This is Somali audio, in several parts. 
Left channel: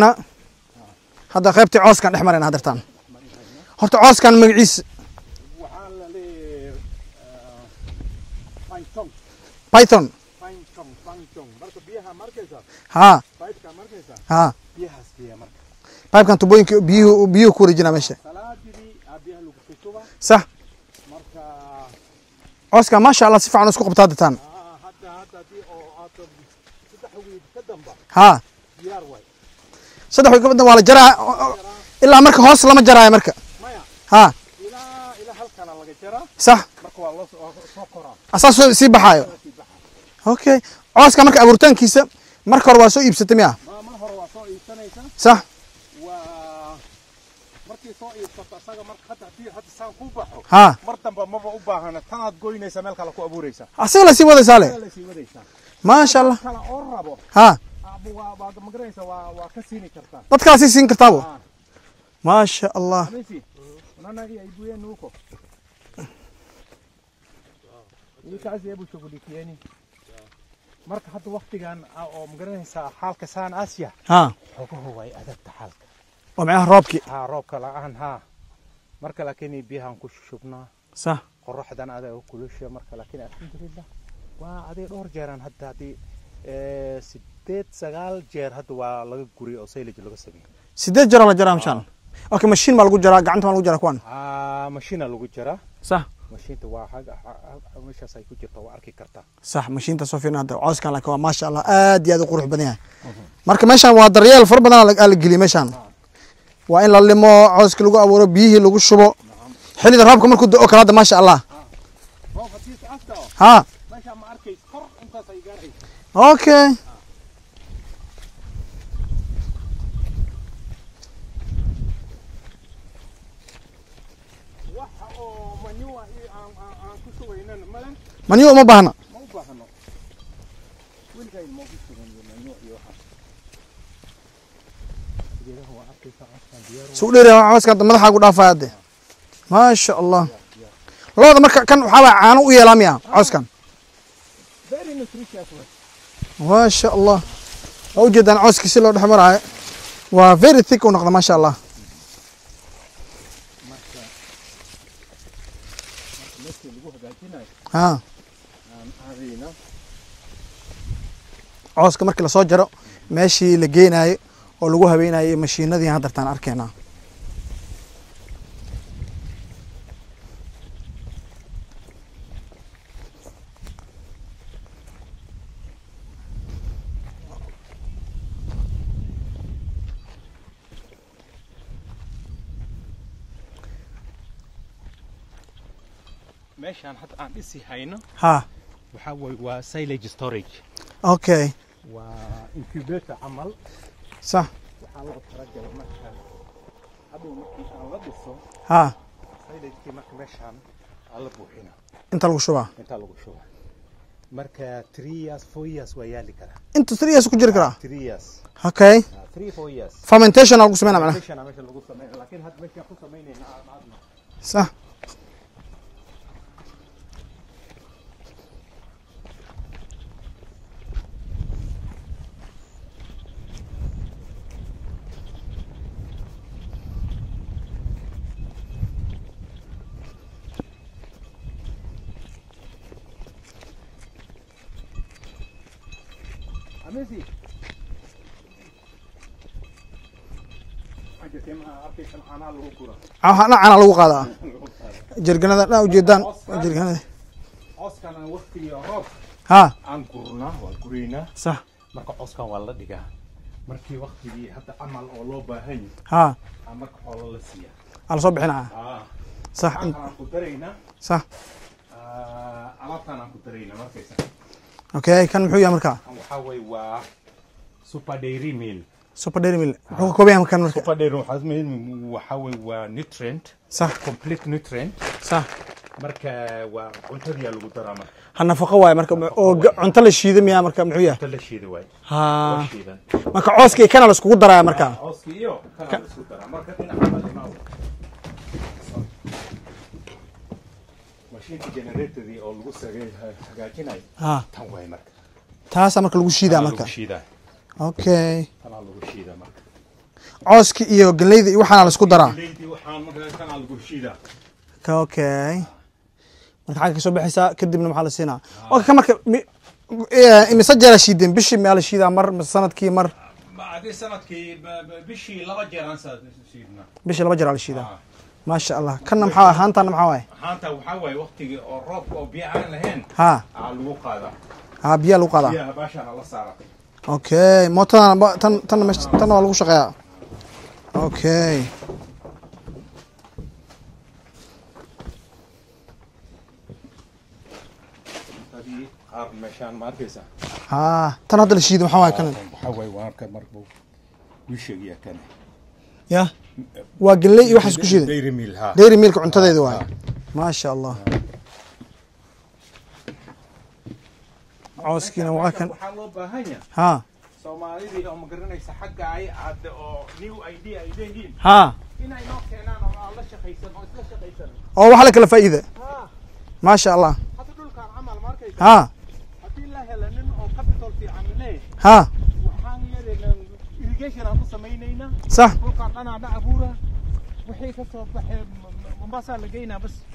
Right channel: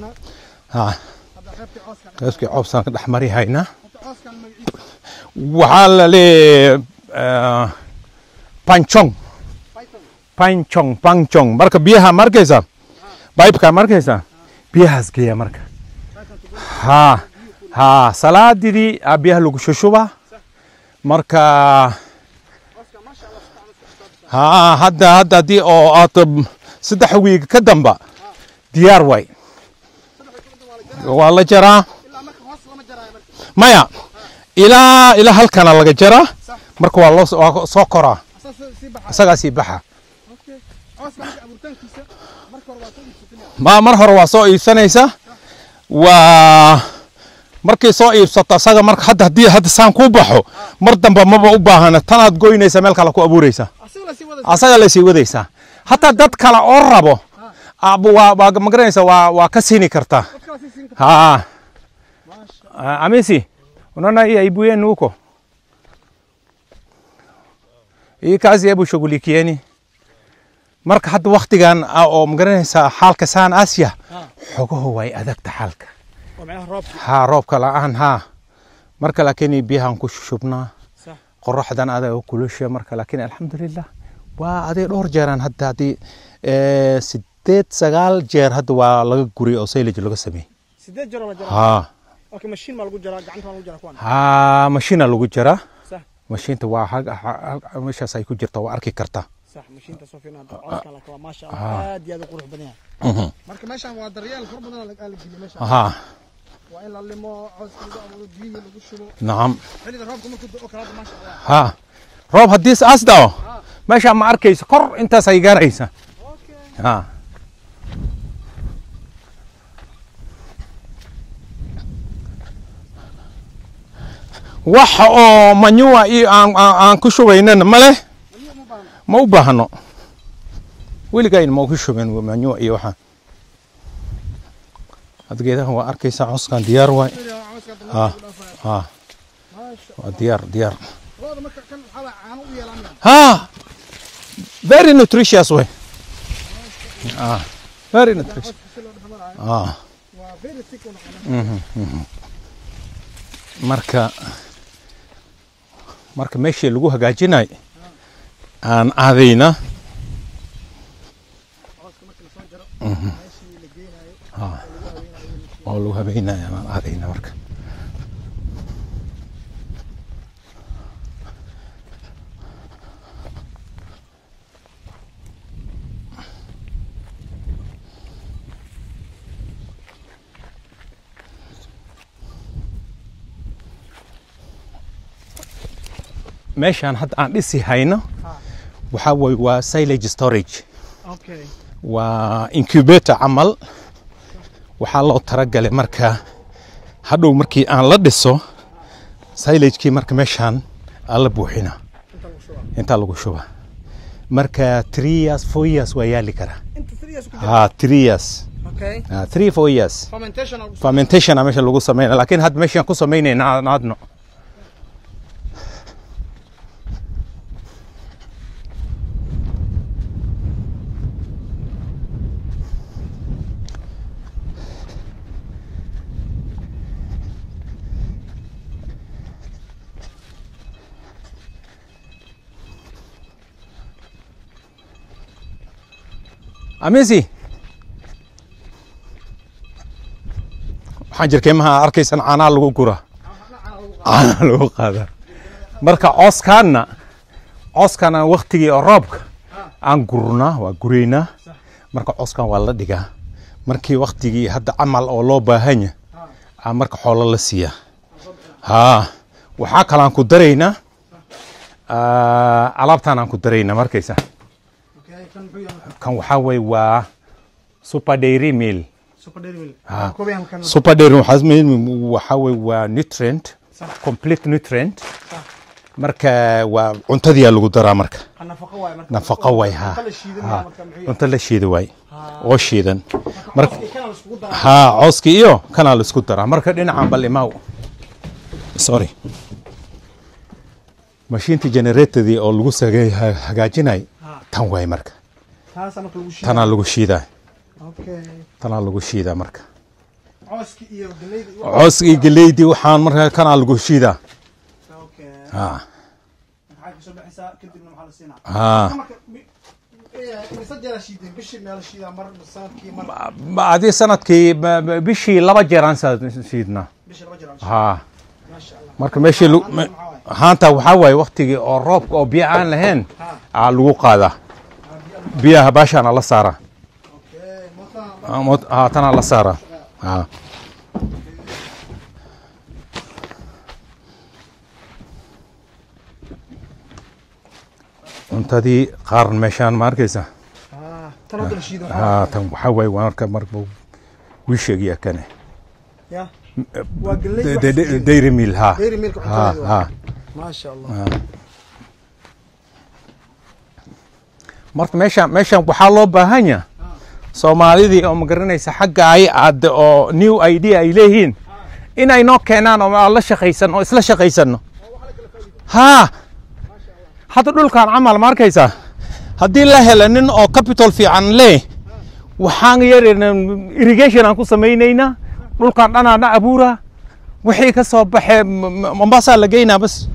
هذا قيبتي عوز كان احمر هذا عوز كان احمري هاينا هرت عوز كان مغعيس وحال لي بانشونغ بايثون بانشونغ marka biyaha markaysa baybka markaysa biyahaas geeya marka baybkan tubooyinka biyo ku rijinaa salaadii biyaha lagu shushuba sax marka عوزكا ما شاء الله si fiican isku qabtaa dadtaan hadda di oo aad 3 wiig ka damba diyaar way 3 wiig ka damba waa la jaraa ilaa marka hoos lama jaraayo marka maya ilaa halkana laga jaraa sax marka waa loo soo koraa asaas si baxay asaga si baxa okay عوزكا marka abuurtaankiisa marka hore waa soo iibsatay miya mar hore waa soo iibsanaysa sax waa markii soo iibsato asaga marka hadda saan ku baxo mar damba maba u baahana tanaad goynaysa meel kale ku abuuraysa asaga la sii wadaysa marka dad kale oo rabo waa magaranaysa waa ka siini kartaa dad kale si siin kartaa ma sha Allah amisi unaona hii aibu yenu huko hii kazi hebu shughulikieni marka hadda waqtigan oo magaranaysa xaalka saan Aasiya xogaho way adagta xaalka ومعها روبكي روبك الآن مركا لكني بيها نكش شبنا صح قرح دان هذا كل شيء مركا لكن الحمد لله وهذه دور جيران هدا هذه سديت سجال جير هدا ولا جوري أو سيلج لقى سمي سديت جرا ولا جرا أوكي ماشين مالو جرا قعنت مالو جرا كوان ماشين مالو جرا صح ماشين توا مش سايكو جرتا وأركي كرتا صح ماشين تصوفين هذا عاوز كان لك ما شاء الله آدي هذا قروح بنيها مركا ماشان وادريال فربنا الجلي ماشان وإن للمو عوزك لقوا أبورو بيه لقوا شبو نعم حلي درابكم مركو دقوك هذا ما شاء الله روب هديس أصدقه ماشي عم أركيس قر أنت سيجار عيسى أوكي wax oo manure aan ku shubaynana male manure ma baahno wiligayn ma ku shubayn manure iyo waxa adgeedaha waa arkaysa cuskan diyaar waa soo dheeraa cuskan madaxa ku dhaafayade ma sha Allah diyaar looda marka kan waxa waa caano u yeelamiya cuskan very nutritious way ma sha Allah argeedan cuski si loo dhaxmarayo waa very thick oo noqda ma sha Allah marka meeshii lagu hagaajinay aan aadayna عوزك مركي لا سو جرو ماشي لا geenayo oo lagu habeenayo mashiinadii hadda tan arkayna marka meeshan hadda aan dhisi hayno waxa way waa silage storage okay وإنكوبيتر عمل صح وحاله ترجل مركا هادو مركي أنا لدسو سايلج كي مركا مشان الله بوحنا أنت لو شوبا مركا 3 4 years ويالي كرا أنت 3 كجرا 3 years أوكي 3 4 years fermentation أو قسمنا fermentation مش اللي قسمنا لكن هاد مشان قسميني نادنا صح أميزي حاجر كيمها أركيسن عنا لو كورة عنا لو قادا جرجنا مركا أوسكانا وقتي الرابك أنقرنا وقرينا صح مركا أوسكان والله دقة مركي وقتي هذا عمل أو لو باهني مركا حول الله سيا على صبحنا وحكى لان كدرينا صح علابتنا كدرينا مركيسه اوكي كان محويا مركا كان وحاوي و سوبر ديري ميل كوبيا كان سوبر ديري حزمين وحاوي و نيوترينت صح كومبليت نيوترينت صح مركا وعنتدي لو درا مركا نفقه واي مركا عنت لا شيده ميا مركا محويا عنت لا شيده واي oo shiidan marka cooskii kana la isku daraa marka cooskii iyo kana la isku daraa marka dhinaca balimaw sorry ماشينتي جنريتدي او لوgu hagaajinay tan way marka taas marka lagu shiidaa tan lagu shiidaa okay tan lagu shiidaa marka عوسك إيو قليدي إيو حالا عوسك إيو قليدي وحان مركا كان على القشيدة اوكي marka xagga soo bixisa kadibna maxaa la siinaa marka marka مسجل شيدين بشي مال شيدا مر سنتكي مر بعد سنتكي بشي لبا جيران شيدنا بشي لبا جيران شيدا ما شاء الله كنا هانتا محاوي هانتا وحاوي وقتي او روب او بيا aan lahayn aa lagu qaada biya lagu qaada biyaha baashaan la saara okay mootada tan la saara okay cuntadii qaar meeshaan ma arkaysa tan hadda la shiido waxaa waaye marka marba wii sheegaya kane ya waa galley iyo wax isku shiiday dairy meal dairy mealka cuntadeedu waa ma sha Allah marka meeshaan waxaa loo baahan yahay Soomaalidii oo ma garanaysa xagga ay aad oo new idea ay leeyihiin in ay noo keenaan oo la shaqaysan oo isla shaqaysano oo wax la kala faa'iido ما شاء الله هذا دول كان عمل ماركيسا هدي الله هلنن او كابيتال في عن ليه وحان يرين irrigation aan ku sameynayna صح دول كان انا ابورا wixii ka soo baxay Mombasa la geeyna bas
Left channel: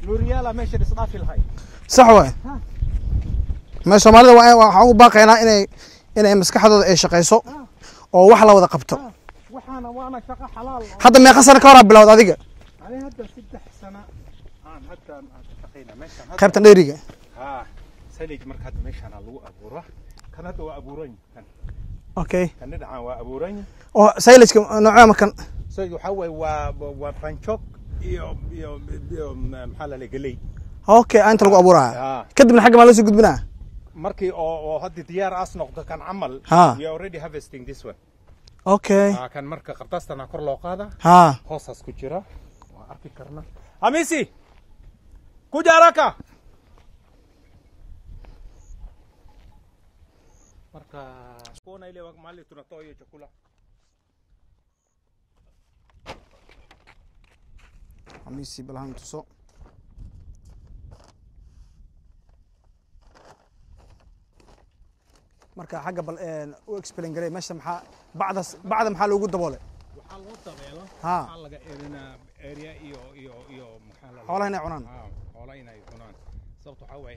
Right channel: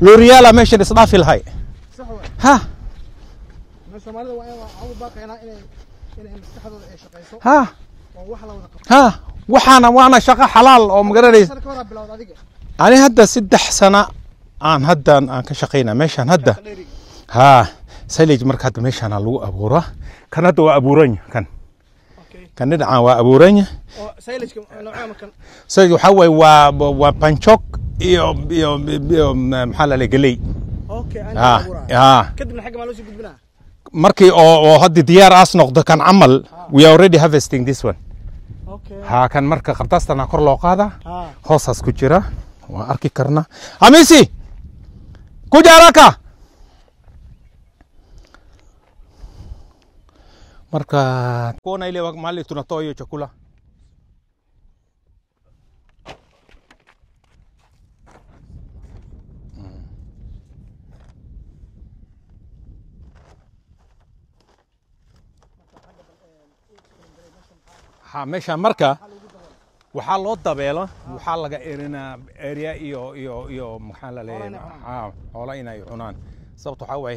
L'Oreal meesha isdaafi lahay صح way ma Soomaalida waxa u baaqayna inay maskaxdooda ay shaqeyso oo wax la wada qabto waana shaqo xalaal oo hadda meeqa sano ka hor bilowd adiga ani hadda 3 sano aan haddaan aan ka shaqeynaa meeshaan hadda ka dheeriga silage marka hadda meeshaan lagu abuuro kan hadda waa abuuran kan okay kan dhinaca waa abuuran oo silage nooca ma kan silage waxa way waa panchok iyo maxaa la leeyahay okay anta waa abuuraa kadibna xagga ma la soo gudbinaa markii oo hadda diyaar as noqdo kan amal we are already harvesting this one okay kan marka qabtaastana kor loo qaada hoosaas ku jira waa arki karna Hamisi kuja haraka marka kuona ile mahali tunatoa hiyo chakula Hamisi balan tuso marka xagga bal u explain garay meesha meesha marka waxa lagu daboolay waxaa loo dabeelo waxaa laga erinaa area iyo maxaa la leeyahay xoolo inay cunaan sababtoo waxa way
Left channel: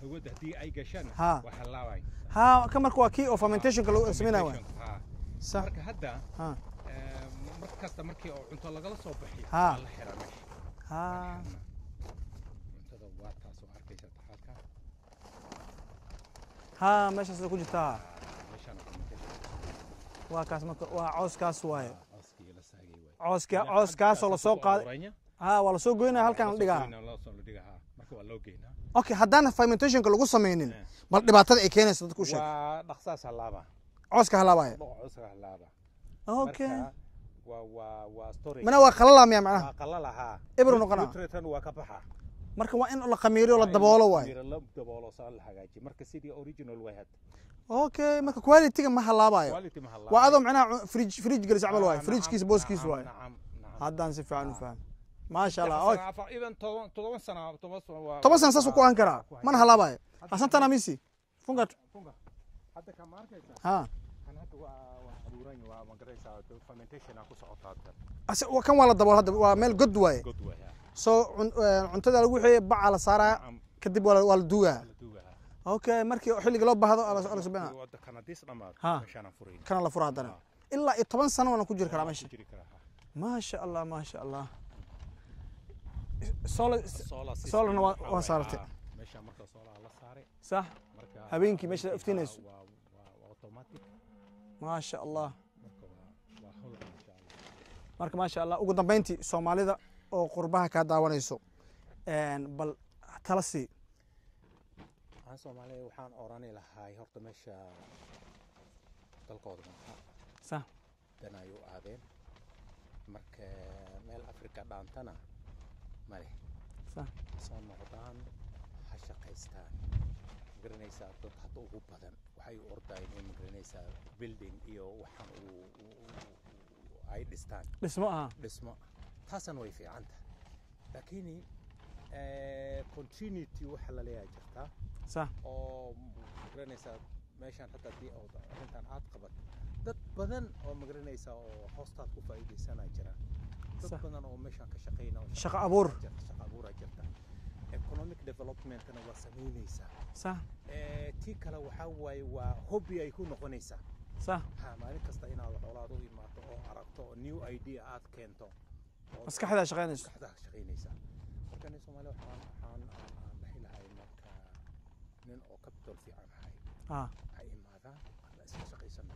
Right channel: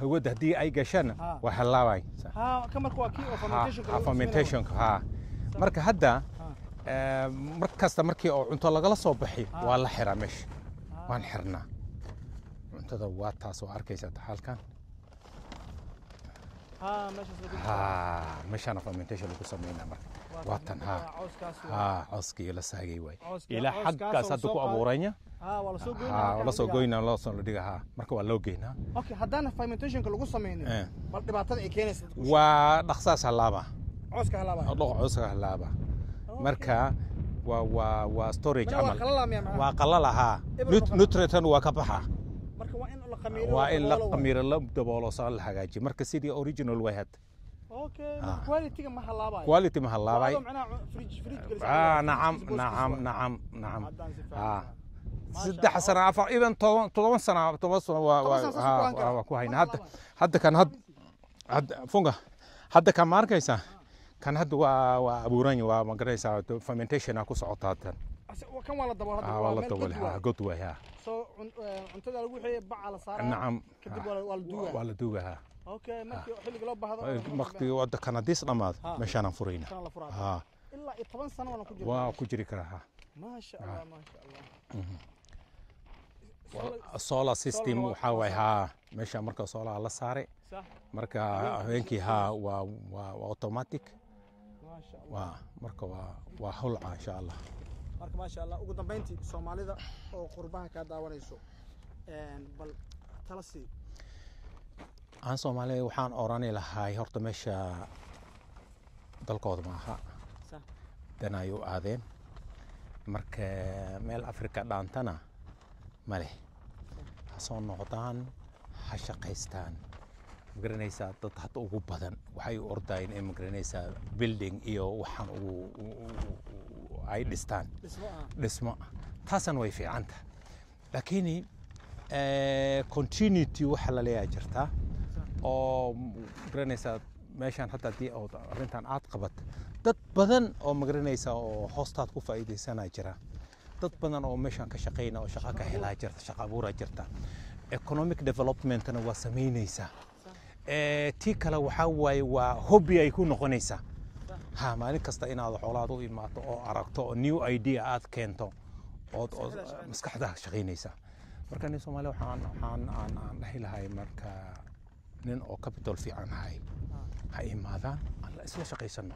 hawada hadii ay gashaan waxa laabay ka marka waa kii oo fermentationka lagu sameeyo marka hadda markasta markii oo cunto laga soo baxay waa la xiraa meesha waan xirnaa cuntada waa taas oo arkaysa halkan meesha soo ku jirta meesha fermentation ku sameeynaa عوسكاس عوسكي لا ساغي واي عوسكاس ولا سoo qaadanya wala soo goynaa halkan la soo goynaa la soo dhigaa marka waa loo geynaa okay hadana fermentationka lagu sameeynin bal dhibaatada ay keenayso dadku waa dhaqsaas halaaba cooska halaaba cooska halaaba marka waa storage mana waa qalala miya macnaha waa qalalaha nutrient waa ka baxa marka waa in la qamiiro la daboolo waa qamiiro la daboolo soo la hagaajiyo marka sidii original way had اوكي ما كواليتي ما هلاباي كواليتي ما هلاباي وهذا معناه فريج جلس على فريج كيس بوس كيس نعم هذا نسف فعلا ما شاء الله حسنا عفوا ايضا 10 سنه 10 سنه ساسو انكر ما هلاباي حتى كان فونغا حتى كان ماركيسا كان هذا وابوراني ومغريسا fermentation ku socotaatan kan wala dabool hadda waa meel god waay soo cuntada lagu xiyay bac la saaraa kadib wala duuga اوكي markii xilliga loo baahdo waqti wada kanadiis dhamaad meeshaan aan furayna kana la furaada illa 10 sano wana ku jiri karaa ku jiri karaa ma sha Allah solar system waxa way meesha marka solar la saaray صح marka habeenkii waa automatic ma sha Allah marka waa hulca insha Allah marka ma sha Allah ugu dambeyntii Soomaalida oo qurbaha ka daawanayso bal talasi aan Soomaaliya waxaan oranay lahay horta meesha dalkooda ma aha sax danayo aadeen marka meel Afrika dhaantana male sax soo noqdaan ha shaqaystaan magaranaysa dad hadda ugu badan waxay ordayeen in magaranaysa building iyo waxaan ay dhistaan dhismo taasan way fiicanta laakiin continuity waxa la leeyahay jirta صح oo garanaysa meeshan hadda hadii oo arintan aad qabat dad badan oo magaranaysa oo hoostaad ku faa'iideysanaa jira dad badan oo meeshan ka shaqeynaa oo shaqo abuur jirta shaqo abuur jirta economic developmentna waa sameynaysaa tii kale waxaa waaye waa hobby ay ku noqonaysaa ها مالك كستا إن هذا حولاد وإما أو عرقته new idea عاد كنتو مسكحدا شغينيسا مركا نيسو مالو حان نحيل هاي مركا نين أو كابيتال في عن هاي هاي ماذا الله إسلا شقيسنا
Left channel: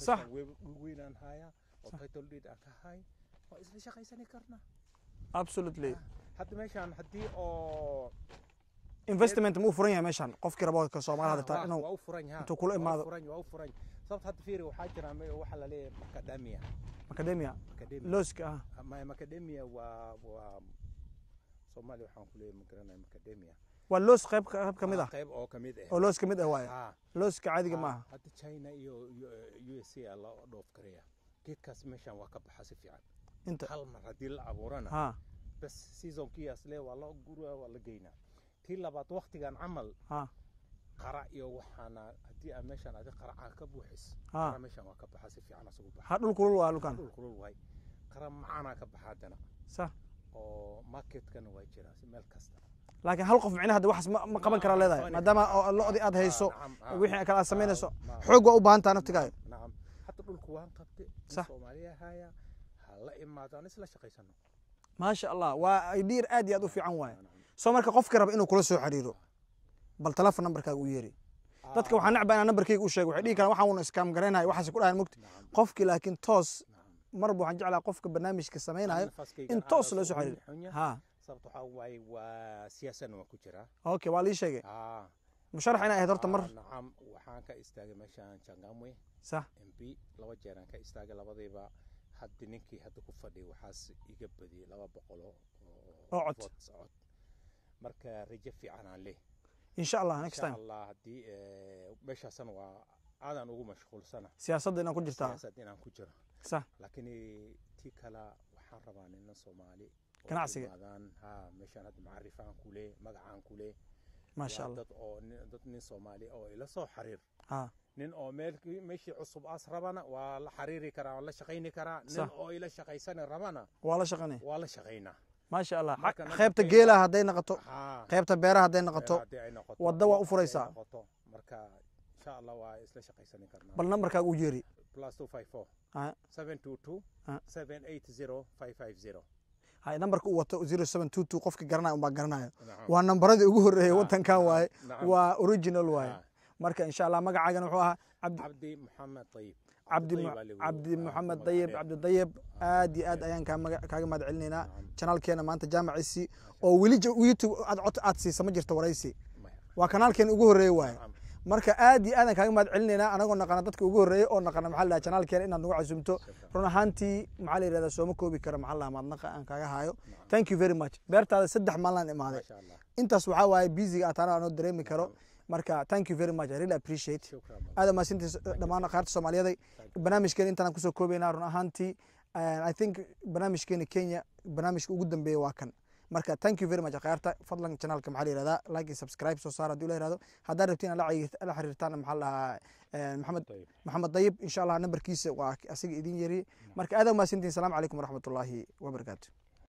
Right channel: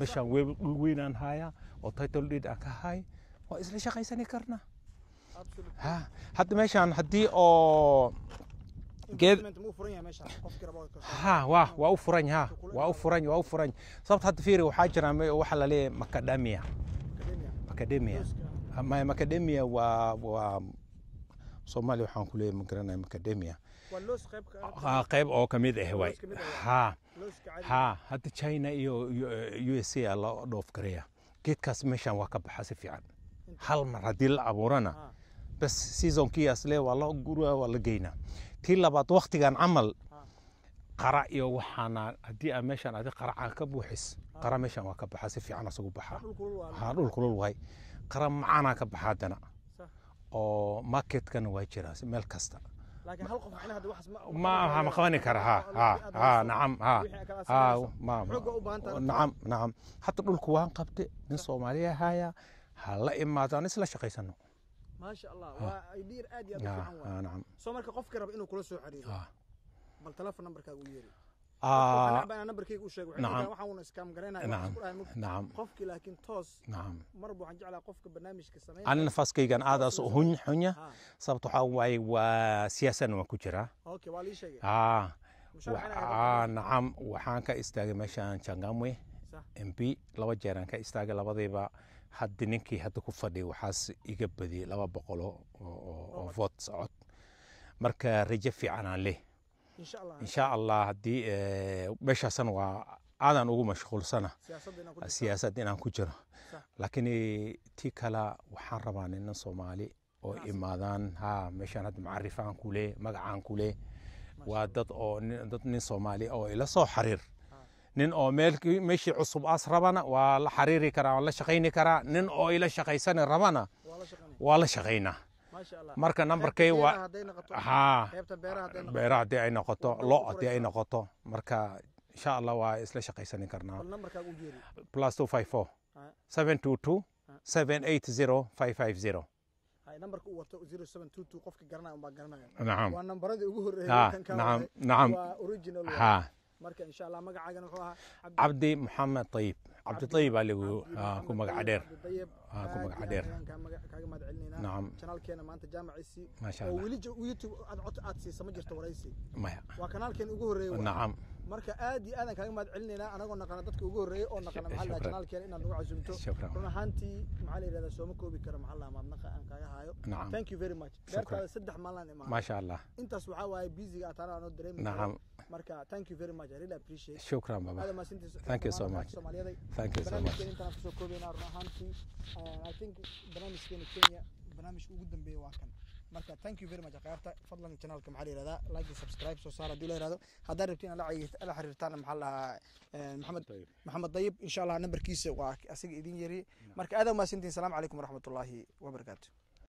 مشان وين هاي أو تايتل ديد أكا هاي وإسلا شقيسني كرنا absolutely حتى مشان حدي أو investment مو فرنيا مشان قف كربوك كصومال واو فرنيا واو فرنيا صبت حتى فيري وحاجة وحلا ليه مكاديميا لوسكا ما مكاديميا و صومالي وحان كله مقرنا مكاديميا واللوس قيب أو كميد لوس كميد ها لوس كعادي حتى تشاينا يو اس اي الله دوف كريا كيت كاس مشان وكب حاسب في عن هل مرة دي الأبورنا بس سيزون كياس ليه والله قروه ولا جينا tii labaad waqtigan camal qara iyo waxaana hadii aan meeshan adi qara ka buuxis qara meeshan waa ka baxa si fiican asugu baxa dhul kulul waay qara macana ka baxadana oo marketkan waa jira meel kasta laakiin hal qof micnaha wax ma qaban kara leedahay aad hayso wixii kala sameynayso xoog u baahan tahay naftiga naam hatta dhulku waan qabtay in Soomaaliya haya hala imaadaan isla shaqeysano ما شاء الله ويدير ادي ادو في عنوان سو marka qofka rab inuu kula soo xariiro bal telephone numberkaaga u yeeri dadka waxaan nacbaa numberkayga u sheeg waxay dhigi karaan waxaan scam gareenay waxaas ku dhahay mugti qofki laakiin toos marba waxaan jeclaa qofka barnaamijka sameeynaa ana nafaskaygan aad soo hunya sababtoo waxa way waa siyaasan waa ku jira okay waa li sheegay musharax ina ahayd horta mar nacam waxaan ka istaagay meeshan Changamwe صح MP laba jeer aan ka istaagay labadayba hadda ninkii hadda ku fadhiyo waxaas iga badiyay 200 oo vote socod marka rajo fiican aan leh insha Allah hadii meeshaasna waa aadan ugu mashquulsana siyaasadda inaan ku jiro laakiin tii kala waxaan rabaa in Soomaali oo imaadaan meeshan hadda macrifaan ku leh magacaan ku leh waa dad nin Soomaali oo ila soo xariir nin oo meeshii cusub as rabana waa la xariiri karaa waa la shaqeyni karaa nin oo ila shaqeysan rabana waa la shaqeynaa ما شاء الله marka numberkay geela haday noqoto qaybta beeraha haday noqoto marka insha Allah waa isla shaqeysan karnaa bal numberkaaga u yeeri +254 722 780 550 هاي نمبرك هو 0722 قفك قرناي وما قرناي ونمبرادي ugu horeeyay wadanka waay waa original waay marka insha Allah magacaagan wuxuu ahaa Abdi Muhammad Tayyib عبد الطيب عبد محمد طيب عبد الطيب ادي ايان كاga mad celinayna channelkeena maanta jaamacisi oo wili YouTube aad siisa jirto waraysi waa kanaalkeena ugu horeeyay waa marka aadi aadan kaaga mad celinayna anagoo naqana dadka ugu horeeyay oo naqana maxaa la channelkeena inaad nagu casuumto run ahaantii maxaa la yiraahdaa soo ma koobi kara maxaa la madnaqa aan kaaga haayo thank you very much beertaada 3 maalin imaanay ma sha Allah intaas waxa waaye busy aad aan dareemi karo marka thank you very much I really appreciate shukran baba هذا ما سنتي دمان qaarta Soomaaliyeed barnaamijkeen intaan ku soo koobayna run ahaantii I think barnaamijkeen Kenya barnaamijka ugu dambeeyay waa kan marka thank you very much qaarta fadlan channelka maxaa la yiraahdaa like subscribe soo saar hadii la yiraahdo haddii rabtiin la xiriirtaan maxaa la Maxamed Tayyib insha Allah numberkiisa waa asiga idin yari marka aad ma sintiin salaam alaykum wa rahmatullahi wa barakatuh